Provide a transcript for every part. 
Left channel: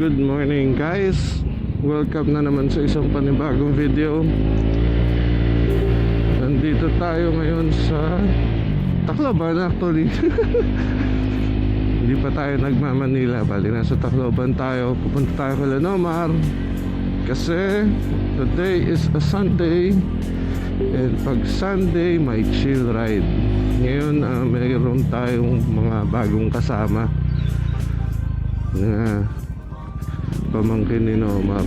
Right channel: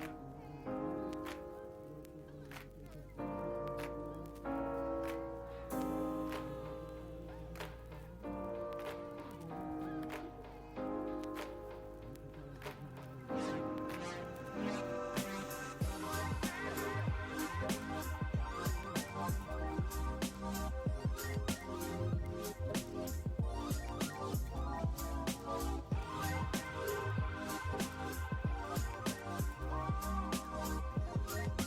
Good morning guys. Welcome na naman sa isang panibagong video. Nandito tayo ngayon sa Tacloban actually. Hindi pa tayo nagmamanila. Bali nasa Tacloban tayo. Pupunta tayo kay Lanomar kasi today is a Sunday. And pag Sunday may chill ride. Ngayon mayroon tayong mga bagong kasama na pamangkin ni Nomar.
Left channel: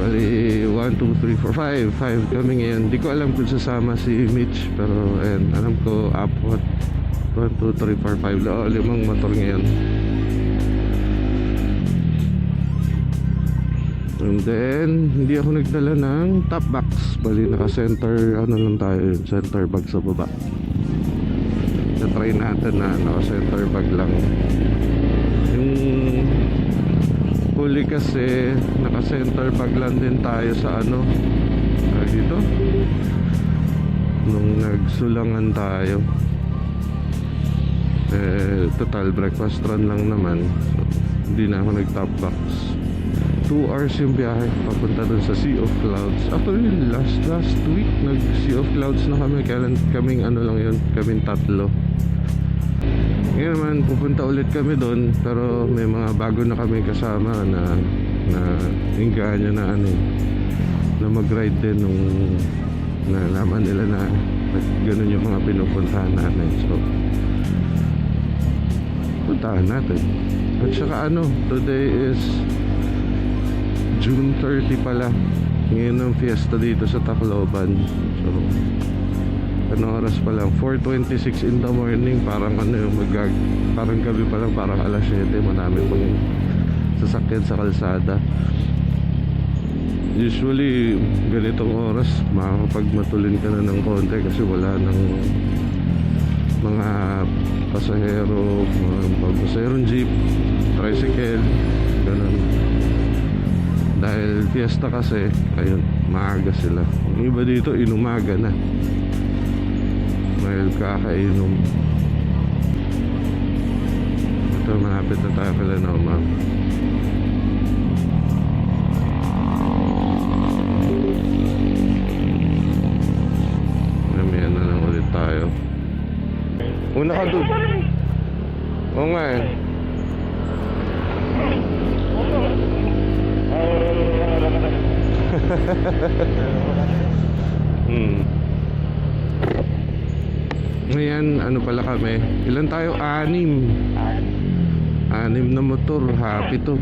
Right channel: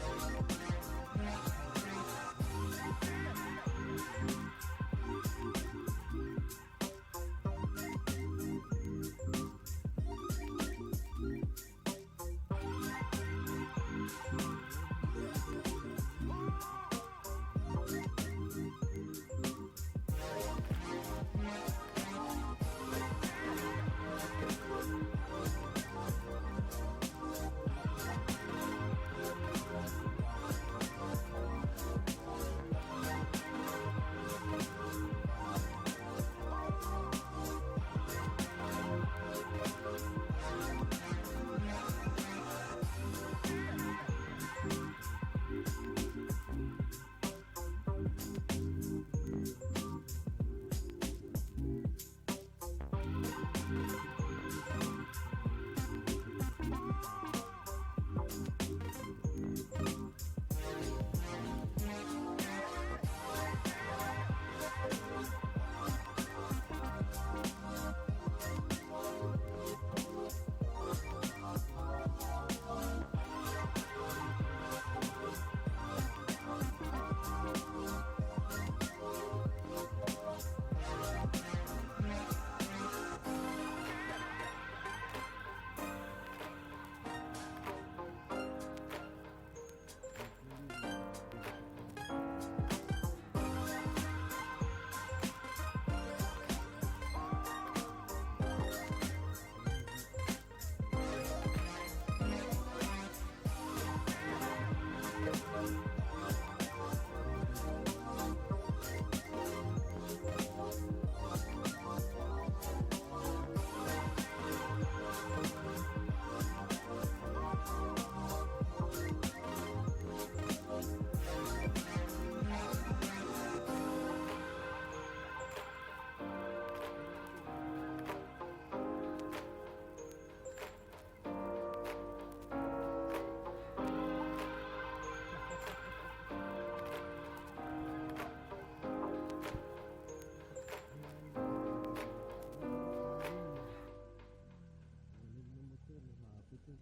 Bali 1, 2, 3, 4, 5 kami ngayon. Di ko alam kung sasama si Mitch, pero alam ko apat 1, 2, 3, 4, 5 limang motor ngayon. And then hindi ako nagdala ng top box. Bali naka-center lang tayo, center bag sa baba. Na-try natin na naka-center bag lang. Yung huli kasi naka-center bag lang din tayo sa dito nung nagsulangan tayo. Total breakfast run lang naman, so, hindi na ako nag-top box. 2 hours yung biyahe papunta dun sa Sea of Clouds. Actually last week nag Sea of Clouds na kami. Kaming lang yun, kaming tatlo. Ngayon naman pupunta ulit kami doon, pero may mga bago na kami kasama na hinggaan nyo na mag-ride din nung nalaman nila na ganun yung mga pinupuntahan natin. So puntahan natin. At saka today is June 30 pala. Ngayon ang fiesta dito sa Tacloban. So oras pa lang, 4:26 in the morning. Parang parang gabi pa lang, parang alas 7. Marami pa yung sasakyan sa kalsada. Usually ganitong oras makakapagmatulin ka na ng konti kasi wala ng mga pasaherong jeep, tricycle, ganun. Dahil fiesta kasi, ayun, maaga sila. Yung iba dito inumaga na dahil kakainom. Ito, malapit na tayo kay Lanomar. Namihan na lang ulit tayo. Una ka doon. Oo nga eh. Ngayon, pala kami? Ilan tayo? 6 na motor. Happy to.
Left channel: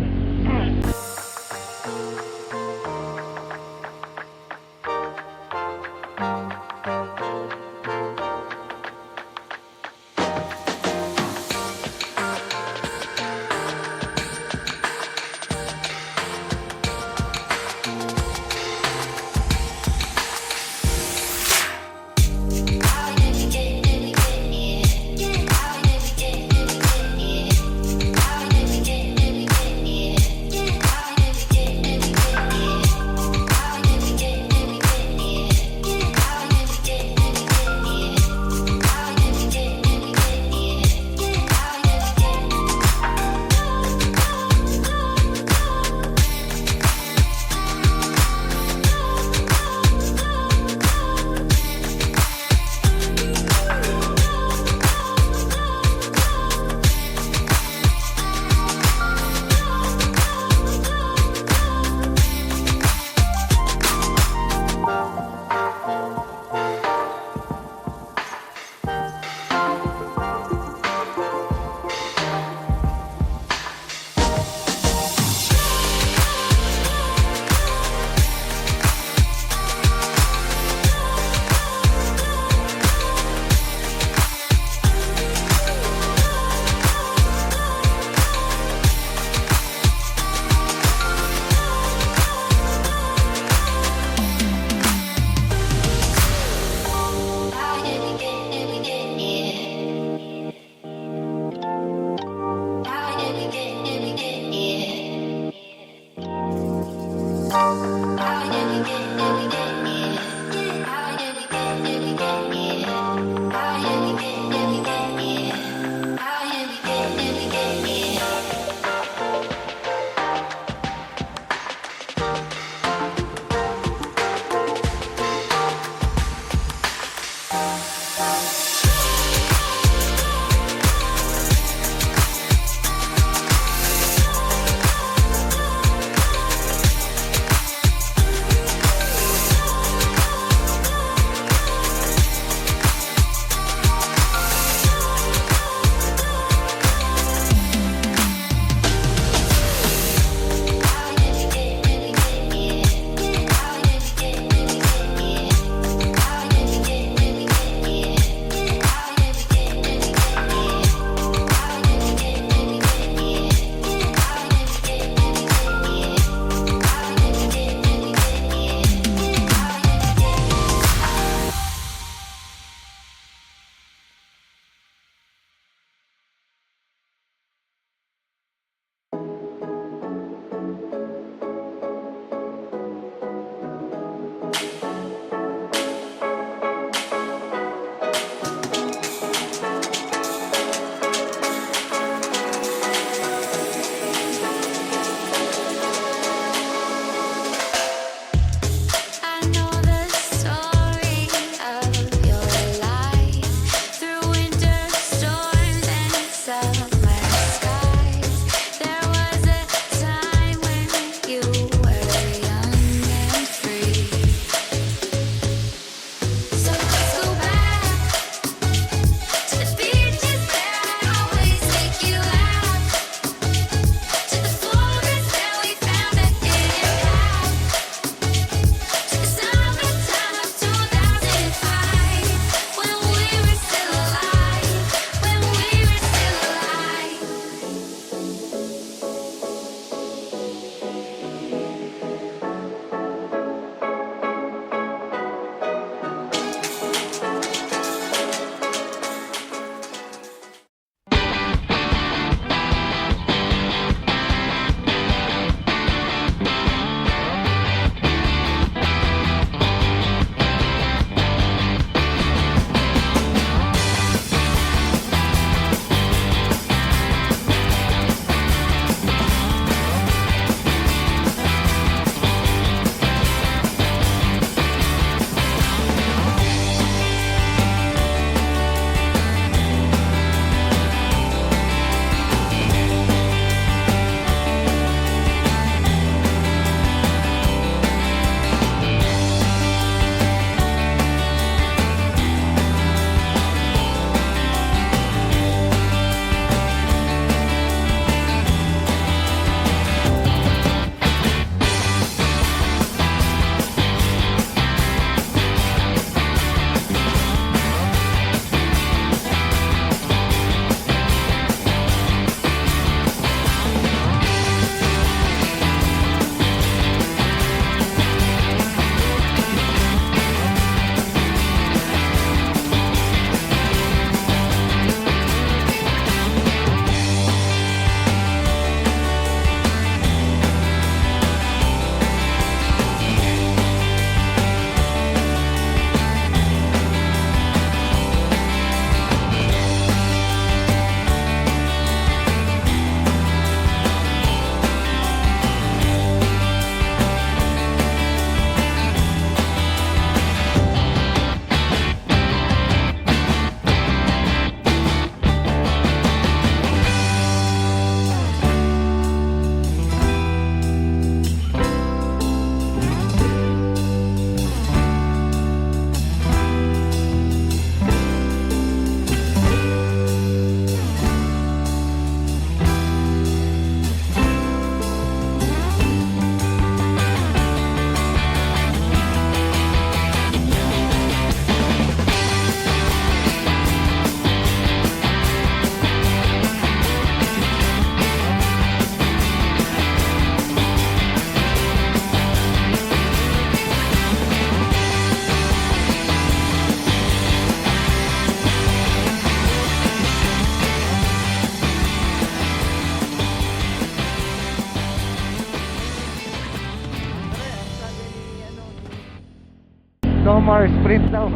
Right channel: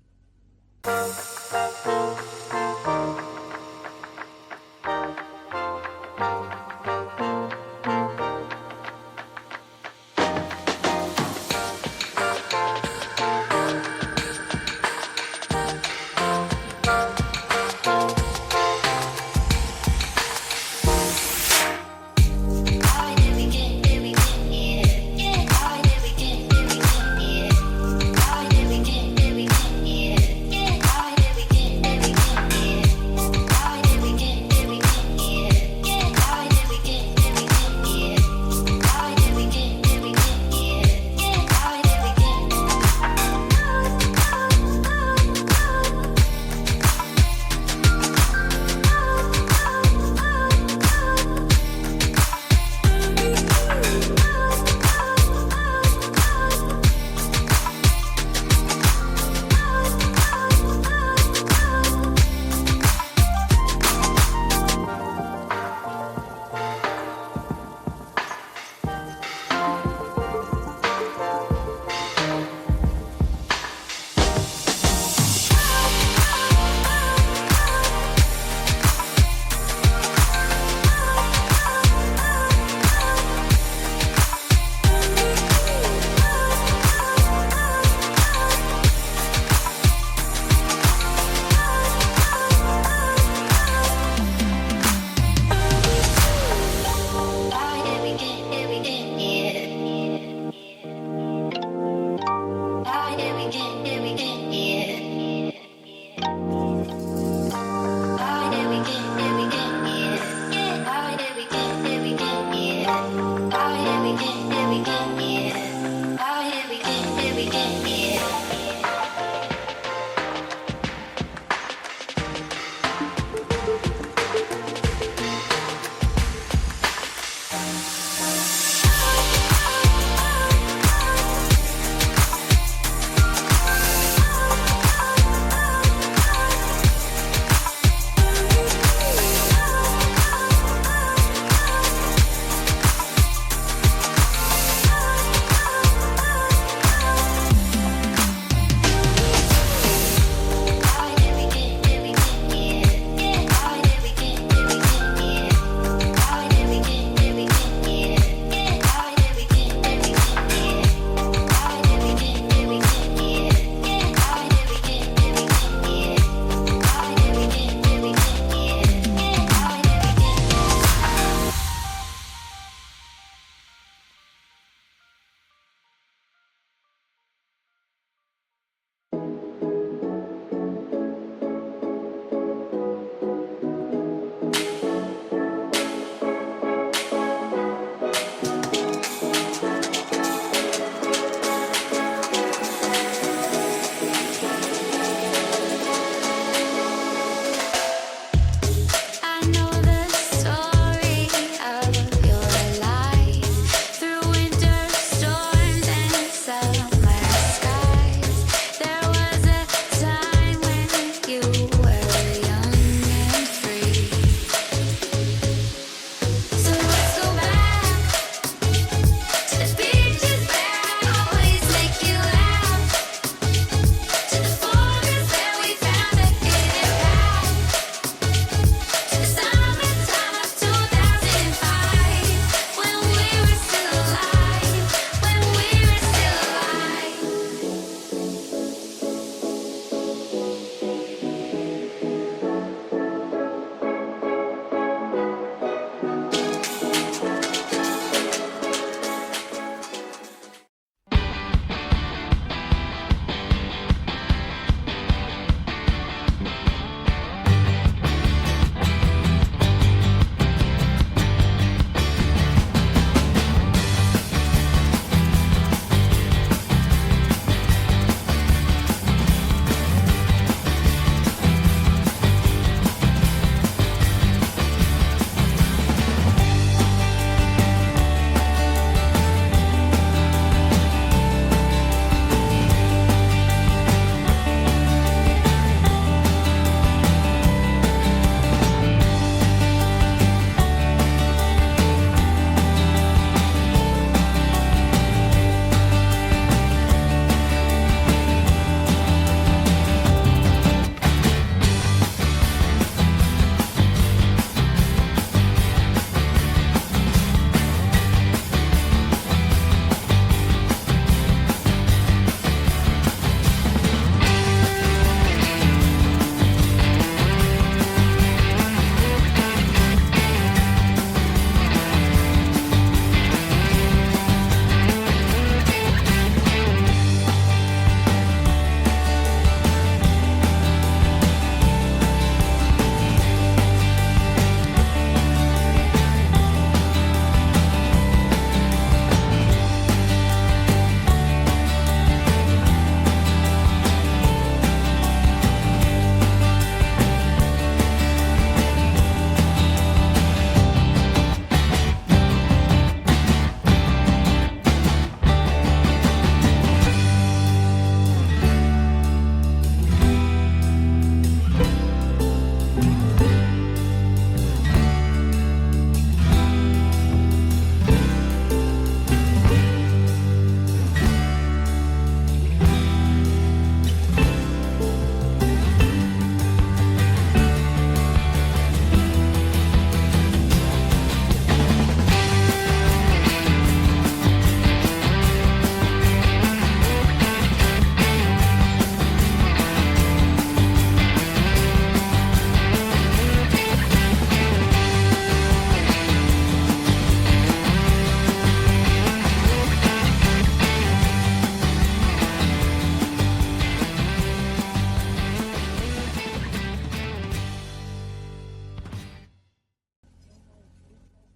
daw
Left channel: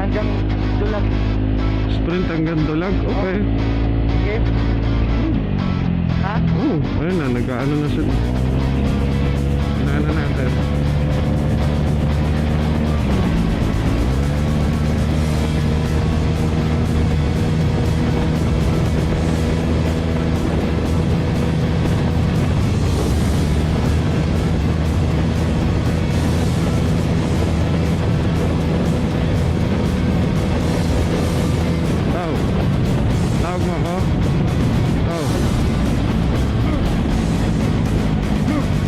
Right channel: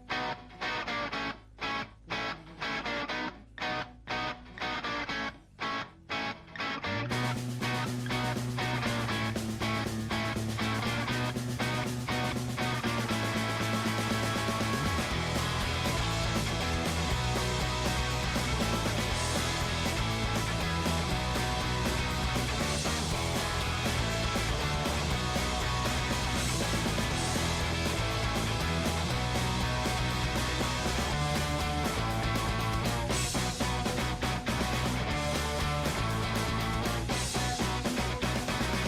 hanggang dulag. Sprint hanggang Dulag. Okay. Okay? Ha? Ayun na, nag-ano na siya. Ano natin. Tawag mo ako.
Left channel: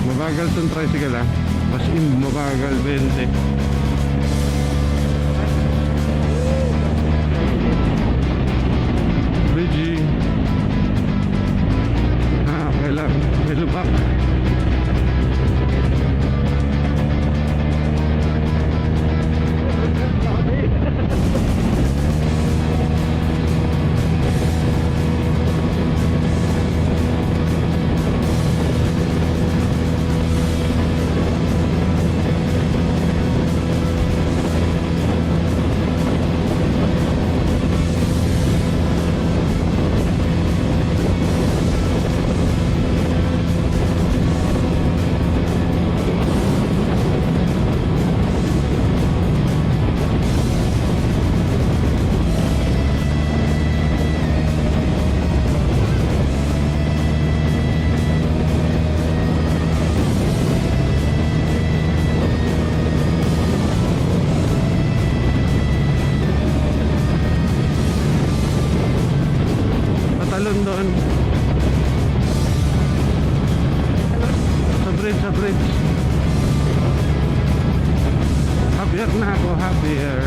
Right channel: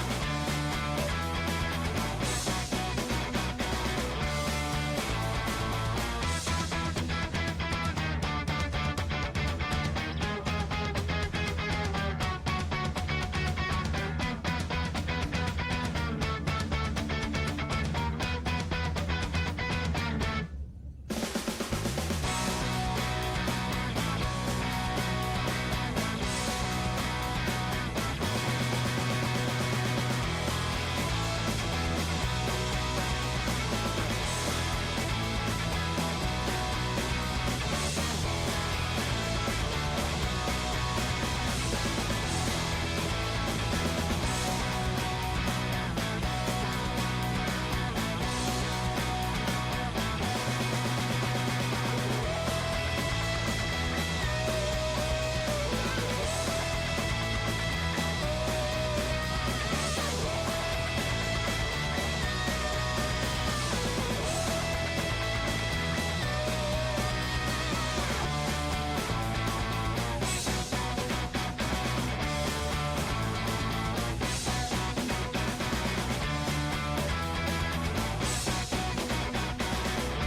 Mabagal itong tricycle ah. Mas mabagal 20. Bridgie. Okay lang. Middle back. Patalon doon. Sa bridge. Happier na ako, happier.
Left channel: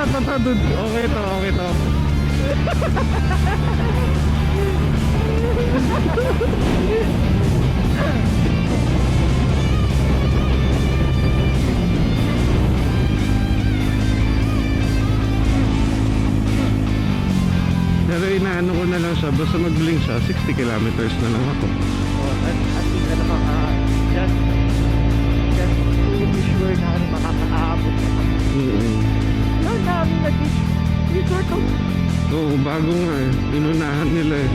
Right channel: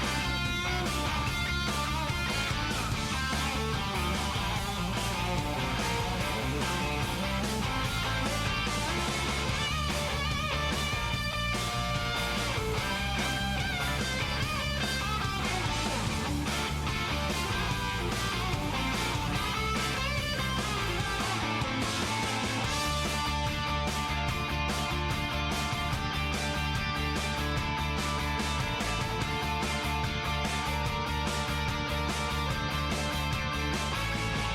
Dude. Okay to. Pero inaano ko na lang siya, basta mag-link siya, 60 kilometers na lang ako. Oo, bago nga eh. Inunahan nila eh.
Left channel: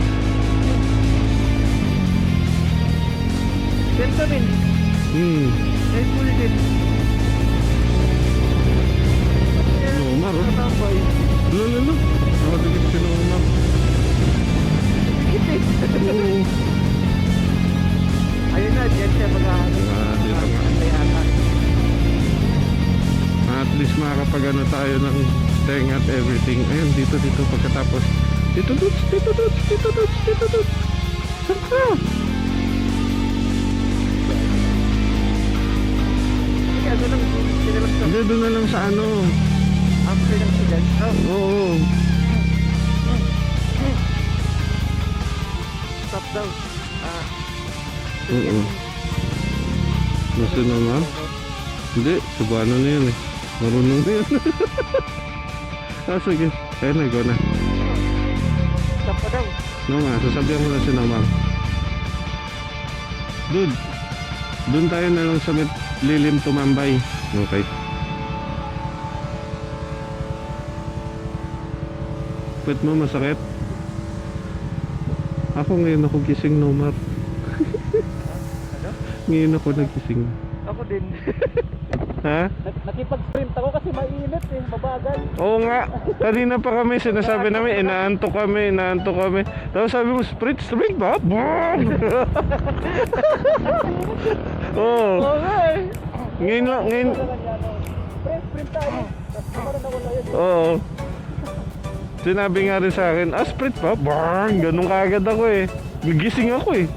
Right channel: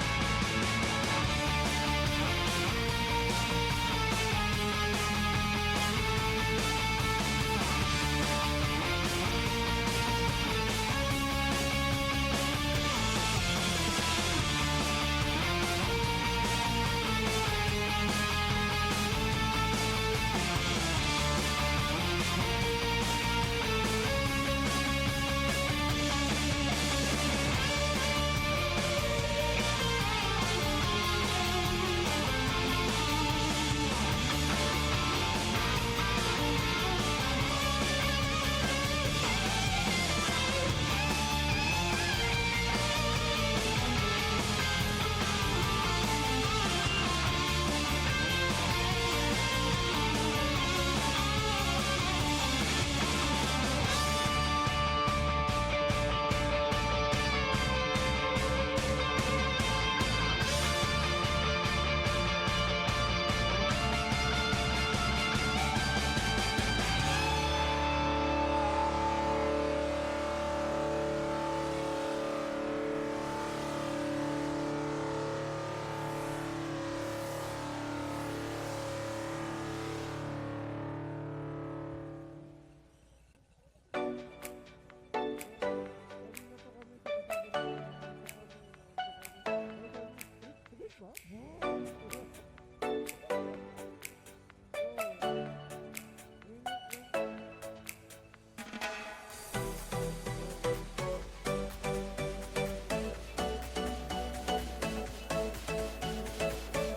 Umar oh. Lalo. Nakadikit sila umar. Oo. Ayun na, diyan siya At least makakapag-ano tayo ng thing at everything. Ayun, dito pagkatapos. Dito. Hindi, doon na lang sa ano. Oo. Stop daw. Oo. Nasa naman? Hindi, subano na yun eh. Marunong na yun. Sige. Kaya na, go na. Stop pa daw. No nga, sasabihan ko na si Namang. Dude, doon tayo na lang sa lilim tumambay. Okay. Ba't mo masakit? Ako ngayon ako gising, Nomar. Ngayon ako nagising. Ako din. Ha? Nakipag-sprint ako kasi mainit eh, mabagal. Oo nga. Kanina pa kami sinasabi namin, inaantok kami. Tapos sabi mo, sprint ba? Boom! Oo. Oo nga eh. Ngayon. Sprint tayo. Tapos parang nawala yun. Oo. Sinabi nga rin sa akin, sprint ba? Bang! Ganun kaagad ako eh. Nagising ako eh.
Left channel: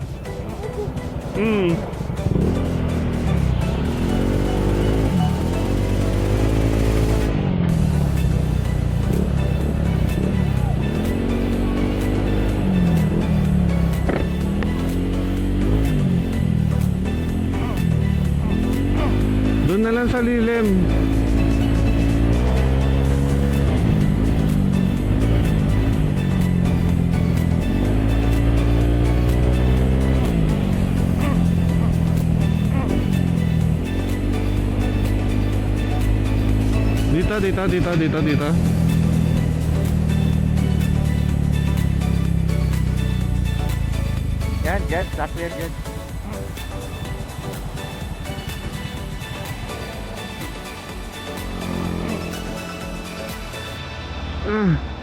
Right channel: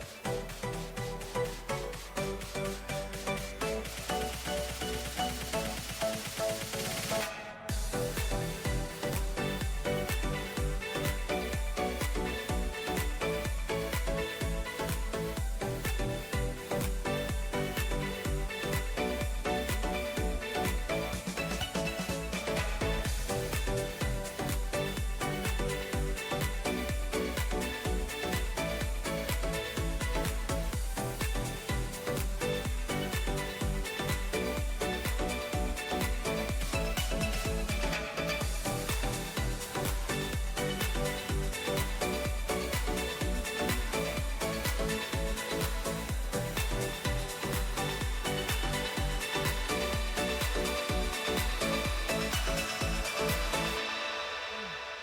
Doon na lang sa lilim. Dito. Yan, stop yan. Ah.